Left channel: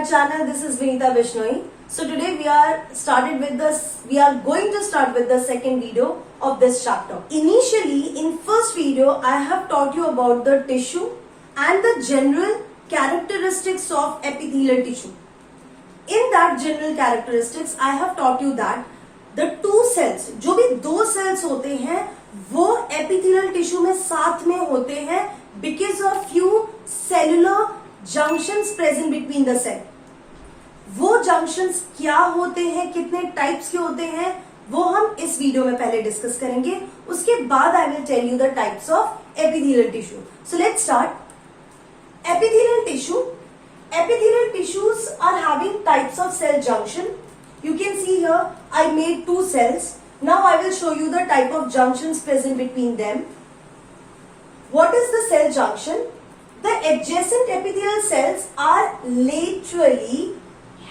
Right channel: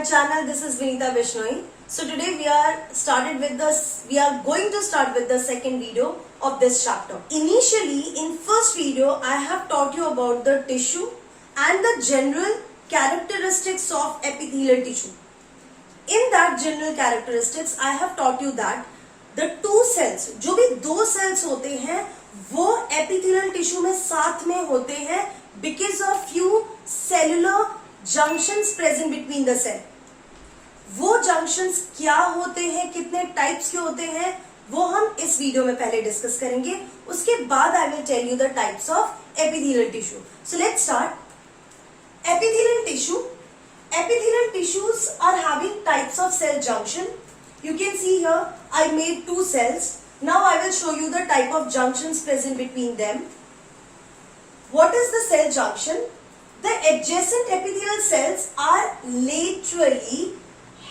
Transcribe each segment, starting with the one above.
my channel. This is Vinita Bishnoi. So today we are going to start with the second video of this chapter. Initially, in first video, I have taught you about the tissue and the general characteristics of epithelial tissue. In that general characteristics, I have taught you that the two cells, जो भी दो cells होते हैं, वो epithelial tissue में साथ में होते हैं because of few cellular junctions present between the cell. वो junctions क्या होते हैं, कितने types के होते हैं, वो हम इस वीडियो में पहले डिस्कस करेंगे. उसके बाद I will tell you the types of epithelial tissue. So let's start. Epithelial tissue. Epithelial tissues are having types of cell junction. You can see here I made two cells. Now I will show you the type of junctions present between them. What is the cell junction? The adjacent epithelial cells are laterally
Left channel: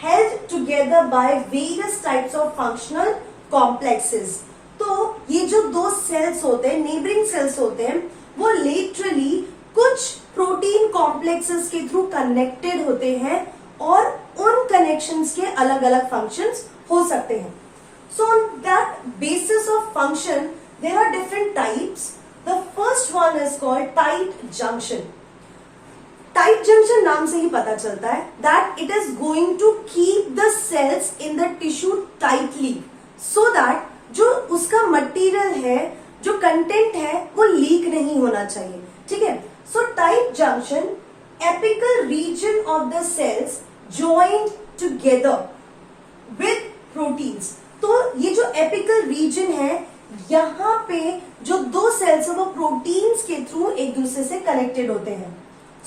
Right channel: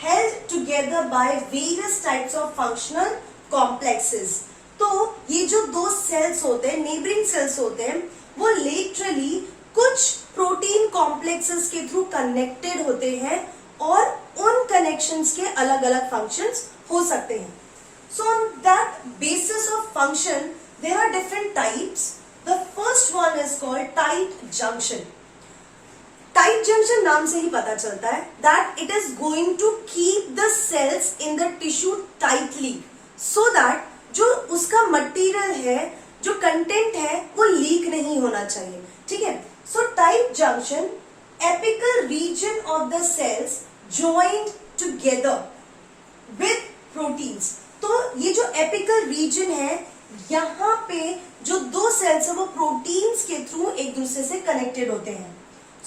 held together by various types of functional complexes. तो ये जो दो cells होते हैं, neighboring cells होते हैं, वो laterally कुछ प्रोटीन कॉम्प्लेक्सेस के थ्रू कनेक्टेड होते हैं और उन कनेक्शंस के अलग अलग फंक्शंस हो सकते हैं. So on that basis of function there are different types. The first one is called tight junction. Tight junction नाम से ही पता चलता है that it is going to keep the cells in the tissue tightly so that जो उसका material है, जो कंटेंट है, वो लीक नहीं होना चाहिए. ठीक है. So tight junction, apical region of the cells joined together with proteins. तो ये जो apical region है, यहाँ पे जो दो cells है वो proteins के थ्रू एक दूसरे से connected होते हैं.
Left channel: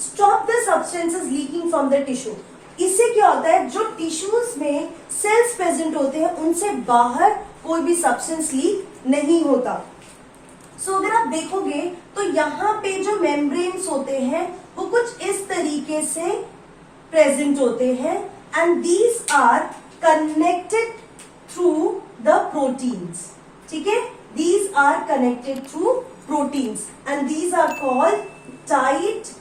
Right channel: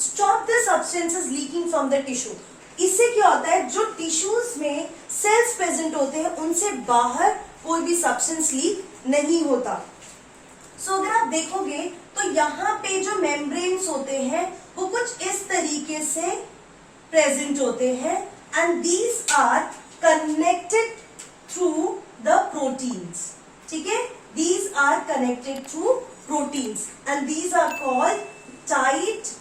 Stop the substances leaking from the tissue. इससे क्या होता है, जो tissues में cells present होते हैं उनसे बाहर कोई भी substance leak नहीं होता. So, अगर आप देखोगे तो यहाँ पे जो मेम्ब्रेन्स होते हैं वो कुछ इस तरीके से प्रेजेंट होते हैं and these are connected through the proteins. ठीक है. These are connected through proteins and these are called tight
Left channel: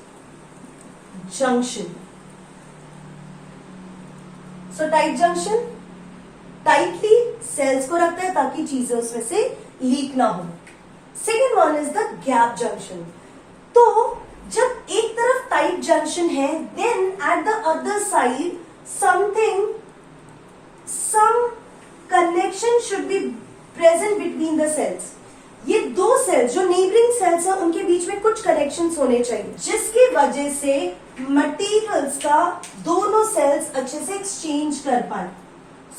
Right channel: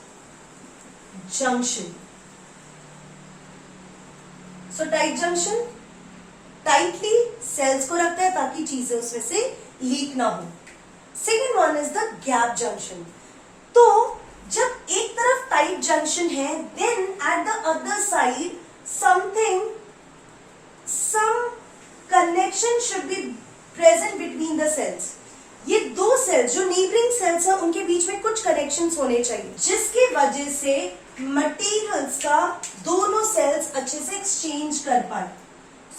junction. So tight junction tightly cells को रखता है ताकि चीजें उसमें से लीक ना हो. Second one is the gap junction. तो जब एक तरफ टाइट जंक्शन है, then at the other side some connection should be present between the cells. ये दो सेल्स जो नेबरिंग सेल्स है उनके बीच में कुछ कनेक्शंस होने चाहिए जिसकी वजह से मटेरियल्स का दोनों सेल्स अच्छे से एक्सचेंज कर पाए.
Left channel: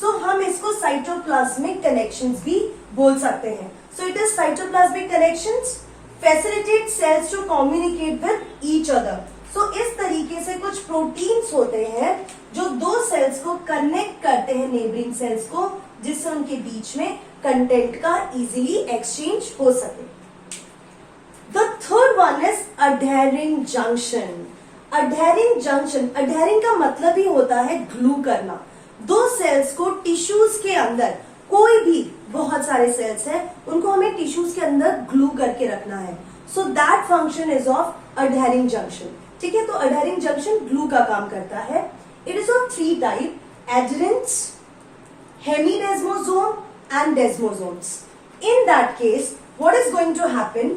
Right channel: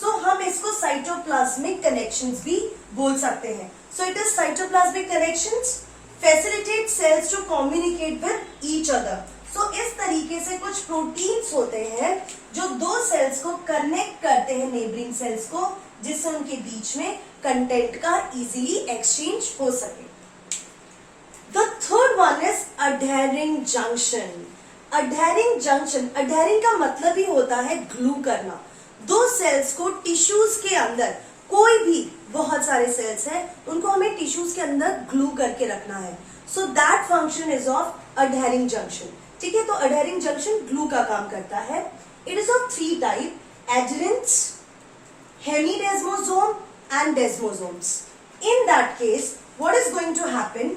सो हम इसको साइटोप्लाज्मिक कनेक्शंस भी बोल सकते हैं. So it is cytoplasmic connections facilitate cells to communicate with each other. So इस तरीके से कुछ प्रोटीन्स होते हैं जो दो सेल्स को कनेक्ट करते हैं नेबरिंग सेल्स को, जिससे उनके बीच में कंटेंट का इजीली एक्सचेंज हो सके. The third one is adhering junction. Adhering junction, adhering का मतलब ही होता है ग्लू करना. दो सेल्स को टिश्यूज के अंदर, कोई भी बहुत सारे सेल्स हैं उनको हमें टिश्यूज के अंदर ग्लू करके रखना है. So that function is of adhering junction. ठीक है. तो अडहेरिंग जंक्शन ग्लू का काम करता है. It is of three type: adherens, hemidesmosome and desmosomes. In that case what is going to happen,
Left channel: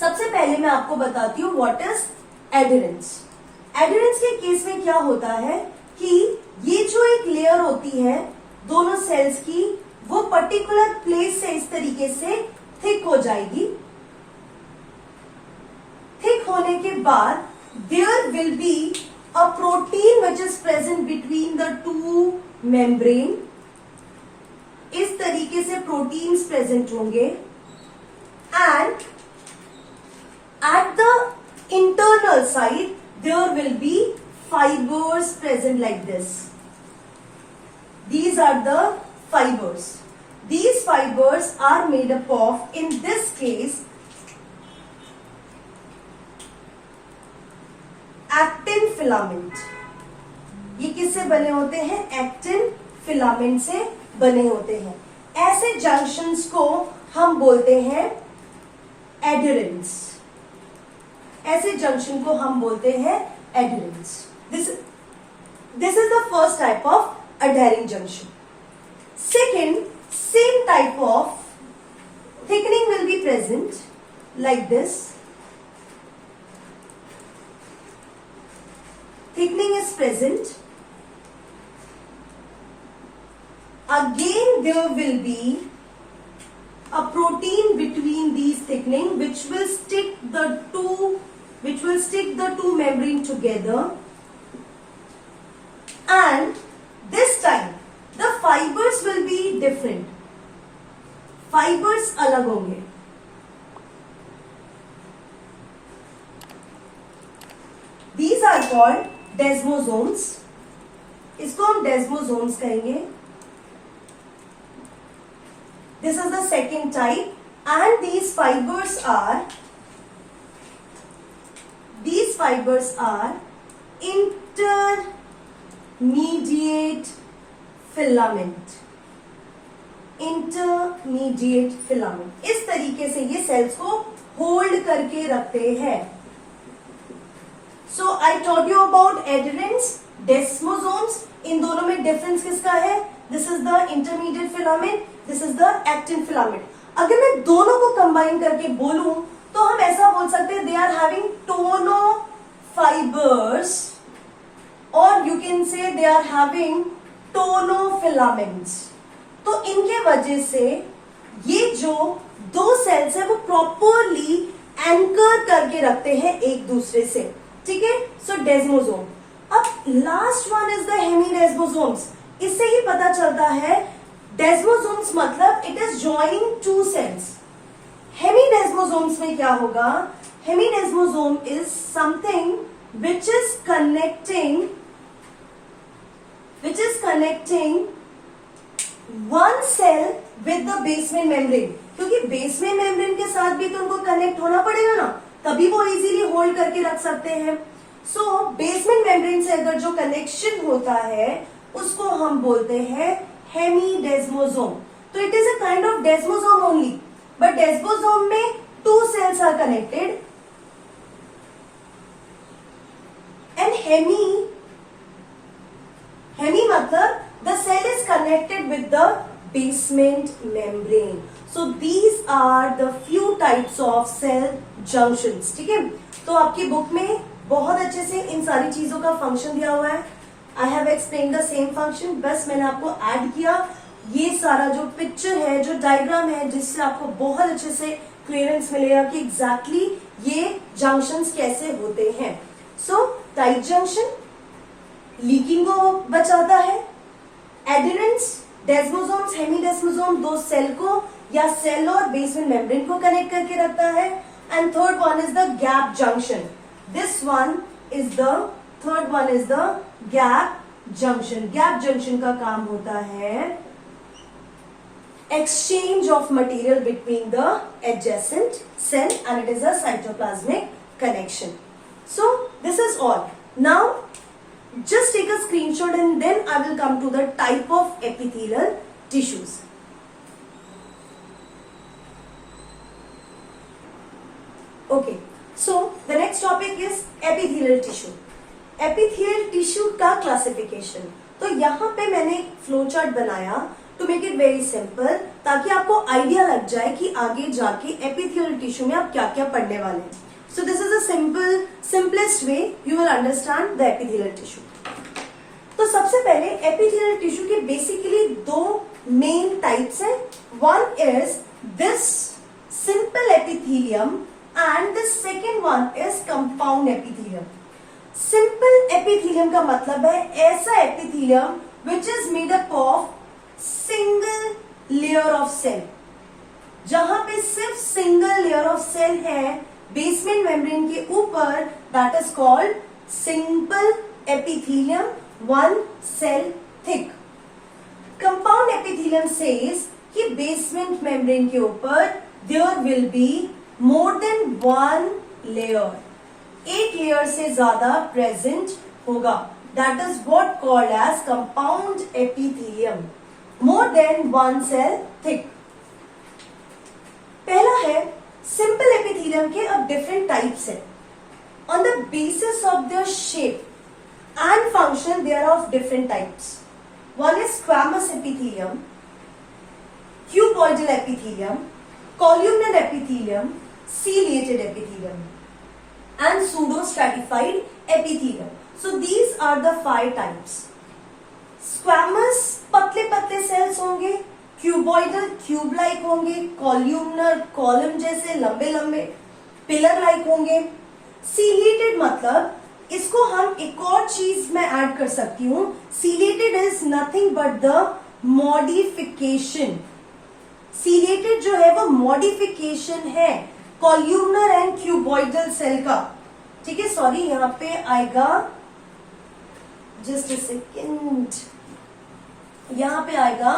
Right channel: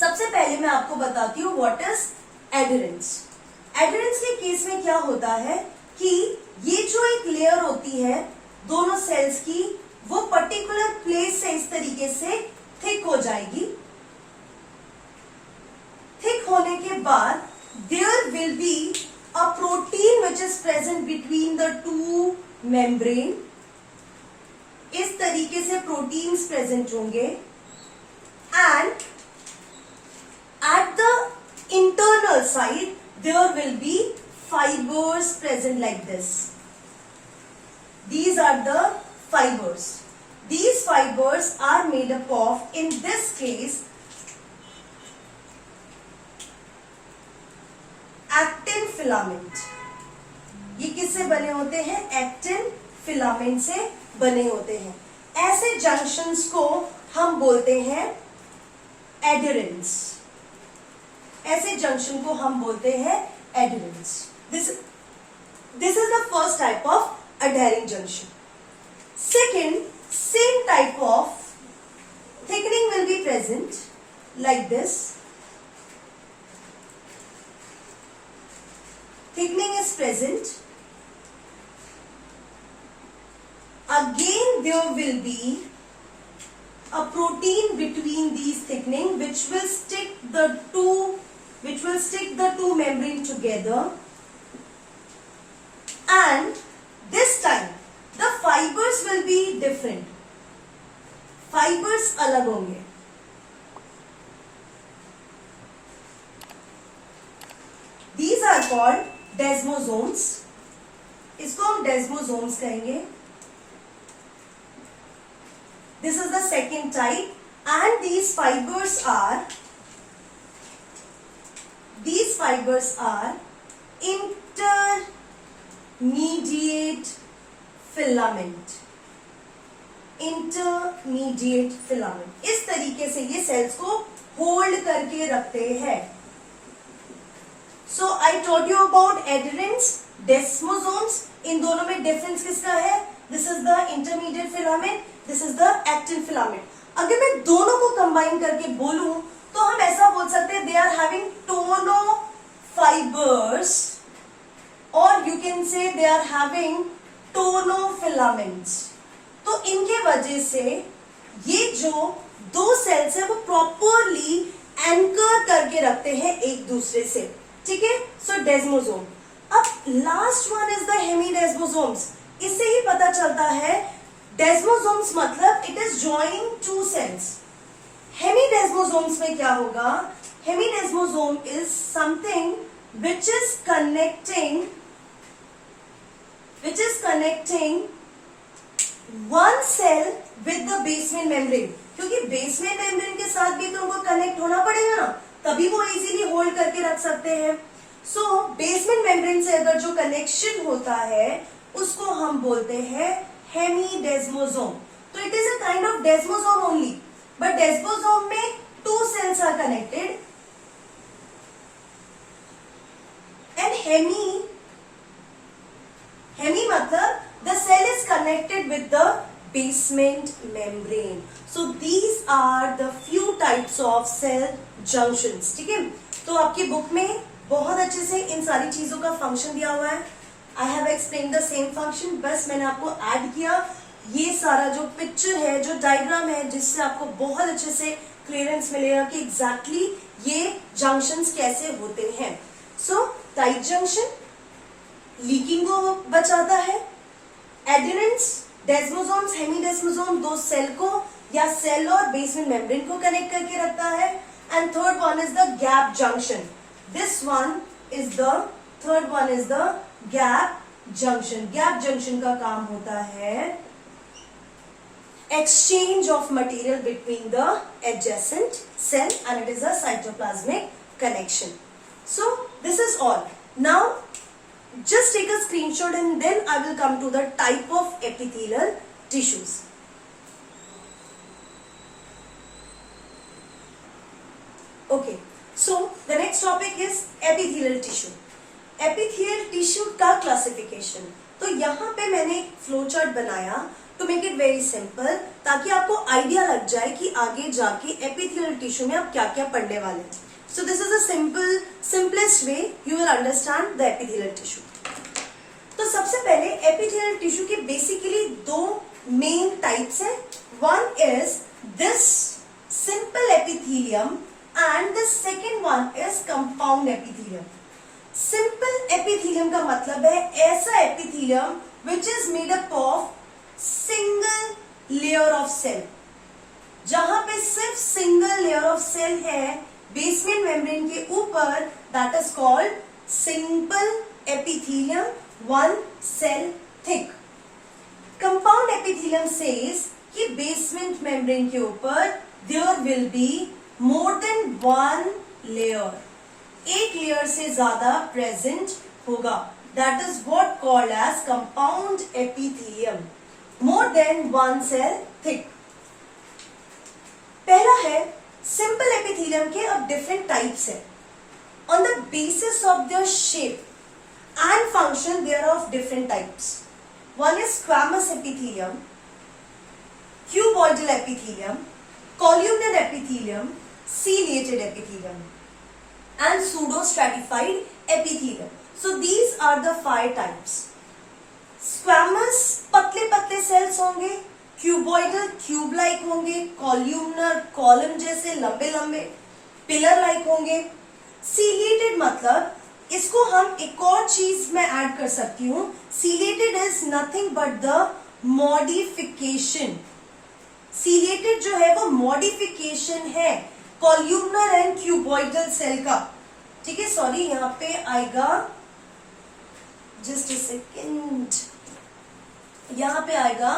सबसे पहले मैं आपको बताती हूँ व्हाट इज एडहेरेंस. एडहेरेंस के केस में क्या होता है कि ये जो एक लेयर होती है दोनों सेल्स की, वो पर्टिकुलर प्लेस से इस तरीके से थिक हो जाएगी. थिक होने के बाद there will be a protein which is present between the two membrane. इस तरीके से प्रोटीन्स प्रेजेंट होंगे and at the internal side there will be fibers present like this. These are the fibers. These fibers are made up of, in this case, actin filament. ये किससे बने होते हैं? Actin filament से बने होते हैं. ऐसे जंक्शंस को हम बोलते हैं एडहेरेंस. ऐसे जंक्शन को हम बोलते हैं adherence. This is the first type of adhering junction. Second, same type of thickening will be present like this. Thickening is present. Again there will be a protein between these thickening which will stick the two membrane together, and this time the fibers will be different. Fibers अलग होंगे. These are called desmosomes. इसको हम desmosomes कहेंगे. This is the second type, and these fibers are intermediate filament. Intermediate filament. इस तरीके से ये sales को होल्ड करके रखते हैं. So I told you about adherents, desmosomes. इन दोनों में डिफरेंस किसका है? This is the intermediate filament, this is the actin filament. अगर मैं दोनों को कंबाइन करके बोलूं तो हम ऐसा बोल सकते हैं they are having tonofibers, or you can say they are having tonofilaments. तो इनके वजह से ये जो दो सेल्स है वो प्रॉपरली एंकर करके रखते हैं एक दूसरे से. ठीक है. So desmosome. अब last one is the hemidesmosomes. इससे ही पता चलता है डेस्मोसोम्स मतलब it is joining two cells. Hemidesmosomes में क्या होगा? Hemidesmosome is something which is connecting one cell with the basement membrane. क्योंकि बेसमेंट मेम्ब्रेन के साथ भी तो उनको कनेक्ट होना पड़ेगा ना, तभी वो इजीली होल्ड करके रख सकते हैं. सो बेसमेंट मेम्ब्रेन से अगर जो कनेक्शन होता है उसको हम बोलते हैं हेमीडेस्मोसोम. तो it is a kind of desmosome only, but desmosome में two cells are connected. And hemi मतलब the cell is connected with the basement membrane. So these are the few types of cell junctions. ठीक है. तो आपकी book में बहुत अच्छे से इन सारी चीजों का फंक्शन दिया हुआ है. I have explained the same function. बस मैंने आपको ऐड किया ये सारा जो पिक्चर है, जो डायग्राम है, जिससे आपको बहुत अच्छे से क्लियरेंस मिलेगा कि एग्जैक्टली ये जंक्शंस कैसे होते हैं. सो टाइट जंक्शन लीकिंग को बचाता है. एडिरेंट्स, डेस्मोसोम्स, हेमीडेस्मोसोम दो सेल को या सेल और बेसमेंट मेम्ब्रेन को कनेक्ट करके रखता है. And third one is the gap junction. This one is the third one is the gap junction. Gap junction का काम होता है exchange of material between the adjacent cell, and it is a cytoplasmic connection. So this is all. Now just take a screenshot and then I will come to the type of epithelial tissues. Okay, so the next topic is epithelial tissue. Epithelial tissue का classification. तो यहाँ पे मैंने एक flow chart बनाया to make it very simple, ताकि आपको idea लग जाए कि आगे जाके एपिथेलियल टिश्यू में आप क्या क्या पढ़ने वाले हैं. So this is a simplest way you will understand the epithelial tissue. तो सबसे पहले एपिथेलियल टिश्यू के बेसिकली दो मेन टाइप्स हैं. One is this simple epithelium and the second one is compound epithelium. Simple epithelium का मतलब है ऐसा epithelium which is made up of single layer of cell. जहां पे सिर्फ सिंगल लेयर ऑफ सेल है बेसमेंट मेम्ब्रेन के ऊपर, that is called simple epithelium, one cell thick. Compound epithelium says कि बेसमेंट मेम्ब्रेन के ऊपर there will be more than one layer, एक लेयर से ज्यादा प्रेजेंट होगा. That is what called as compound epithelium, more than one cell thick. पहला है simple epithelium के अब डिफरेंट टाइप्स है on the basis of their shape. and function, they are of different types. One is squamous epithelium, cuboidal epithelium, columnar epithelium, ciliated epithelium, and pseudostratified epithelium. So these are the 5 types. Squamous पतले पतले sales होंगे, cuboidal cube like होंगे, columnar column जैसे लंबे लंबे pillar like होंगे. Ciliated मतलब इसको हम एक और चीज में ऐड कर सकती हूं. Ciliated is nothing but the modification. Ciliated जो है वो मॉडिफिकेशन है कॉल्यूमनर एंड क्यूबॉइडल सेल का. ठीक है, सॉरी यहां पे आएगा, जस्ट अ सेकेंड, यहां पे आएगा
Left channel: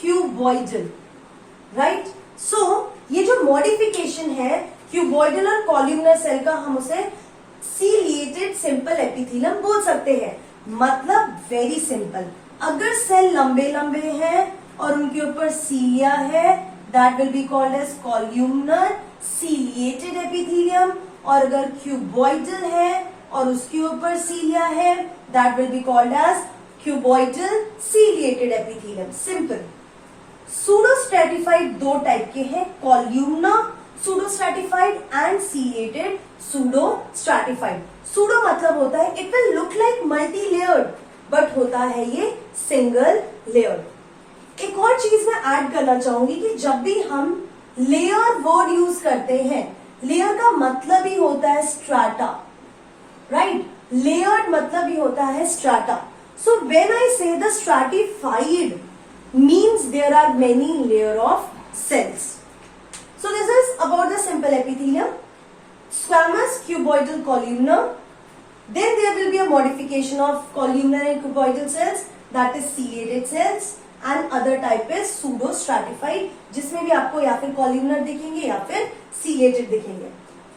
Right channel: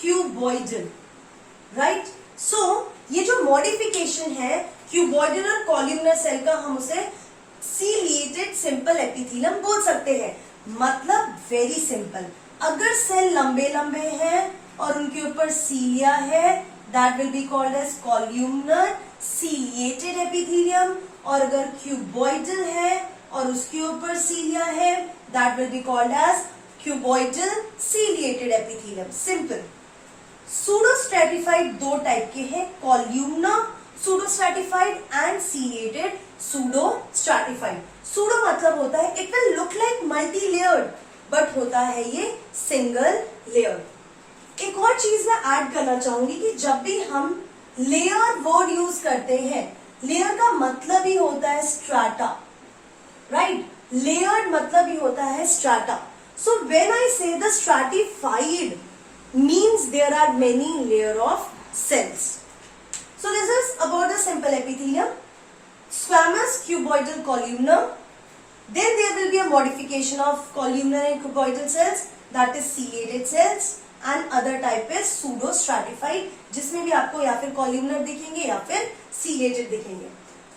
क्यूबॉइडल, राइट. सो ये जो मॉडिफिकेशन है क्यूबॉइडल और कॉल्यूमनर सेल का, हम उसे सीलिएटेड सिंपल एपिथेलियम बोल सकते हैं. मतलब वेरी सिंपल, अगर सेल लंबे लंबे हैं और उनके ऊपर सीलिया है, that will be called as columnar ciliated epithelium. और अगर क्यूबॉइडल है और उसके ऊपर सीलिया है, that will be called as cuboidal ciliated epithelium. Simple. Pseudostratified 2 type के हैं, columnar pseudostratified and ciliated pseudostratified. Pseudo मतलब होता है it will look like multi layered, but होता है ये सिंगल लेयर. एक और चीज मैं ऐड करना चाहूंगी कि जब भी हम लेयर वर्ड यूज करते हैं, लेयर का मतलब ही होता है स्ट्राटा, राइट. लेयर्ड मतलब ही होता है strata. So when I say the stratified means there are many layer of cells. So this is about the simple epithelium, squamous, cuboidal, columnar. Then there will be a modification of columnar and cuboidal cells, that is ciliated cells, and other type is pseudostratified, जिसमें भी आपको या फिर columnar दिखेंगे या फिर ciliated दिखेंगे.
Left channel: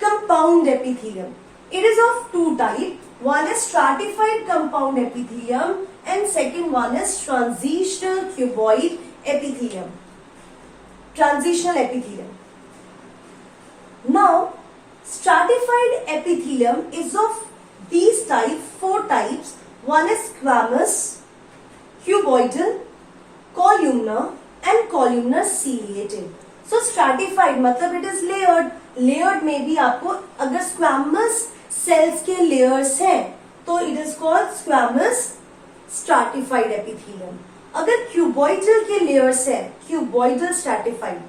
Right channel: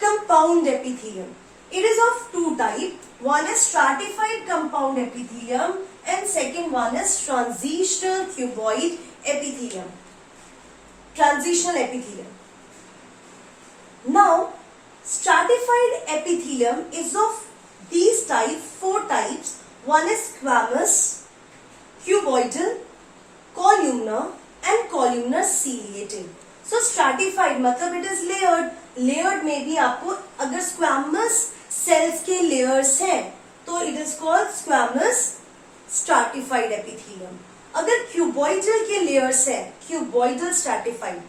Compound epithelium. It is of 2 type. One is stratified compound epithelium and second one is transitional cuboid epithelium. Transitional epithelium. Now, stratified epithelium is of these types, 4 types. One is squamous, cuboidal, columnar and columnar ciliated. So stratified मतलब it is layered. Layered में भी आपको अगर squamous cells के layers हैं तो it is called squamous stratified epithelium. अगर cuboidal के layers हैं, cuboidal stratified.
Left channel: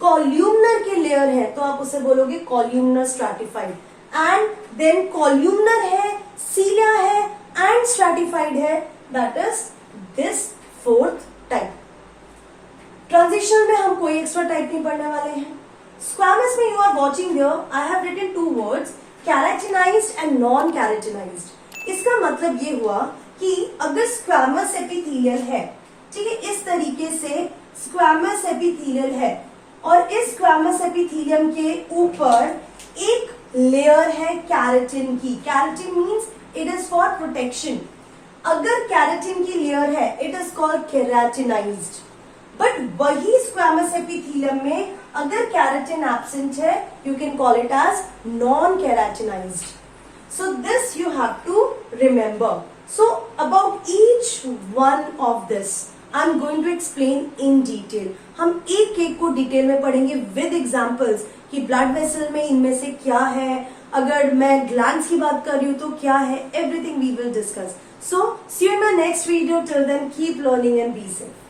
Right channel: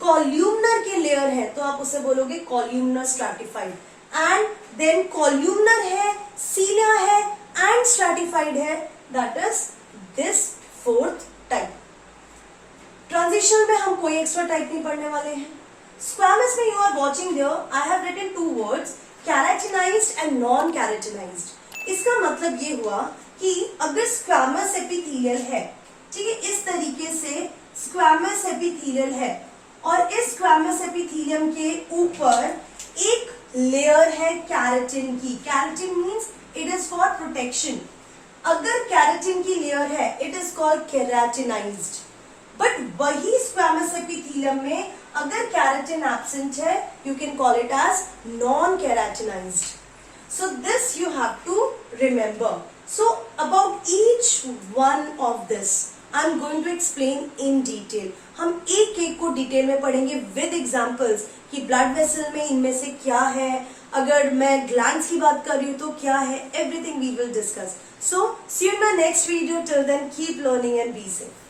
कॉल्यूमनर के लेयर है तो आप उसे बोलोगे columnar stratified. And then columnar है, सीलिया है एंड स्ट्रैटिफाइड है, that is this 4th type. Transition में हम कोई एक्स्ट्रा टाइप नहीं पढ़ने वाले हैं. स्क्वामस में you are watching there, I have written 2 words, keratinized and non keratinized. इसका मतलब ये हुआ कि अगर स्क्वामस एपिथेलियल है, ठीक है, इस तरीके से स्क्वामस एपिथेलियल है और इस स्क्वामस एपिथेलियम के ऊपर एक लेयर है कैराटिन की. Keratin means it is for protection. अगर कैराटिन की लेयर है it is called keratinised. But वही स्क्वामस एपिथेलियम में अगर कैराटिन एब्सेंट है, you can call it as non keratinised. So this you have to remember. So about each one of this I am going to explain in detail. हम एक एक को detail में पढ़ेंगे with examples कि blood vessel में इनमें से क्या है, अगर मैं ग्लैंड्स की बात कर रही हूं तो क्या है, everything we will discuss. So see you in my next video. Till then keep learning and be safe.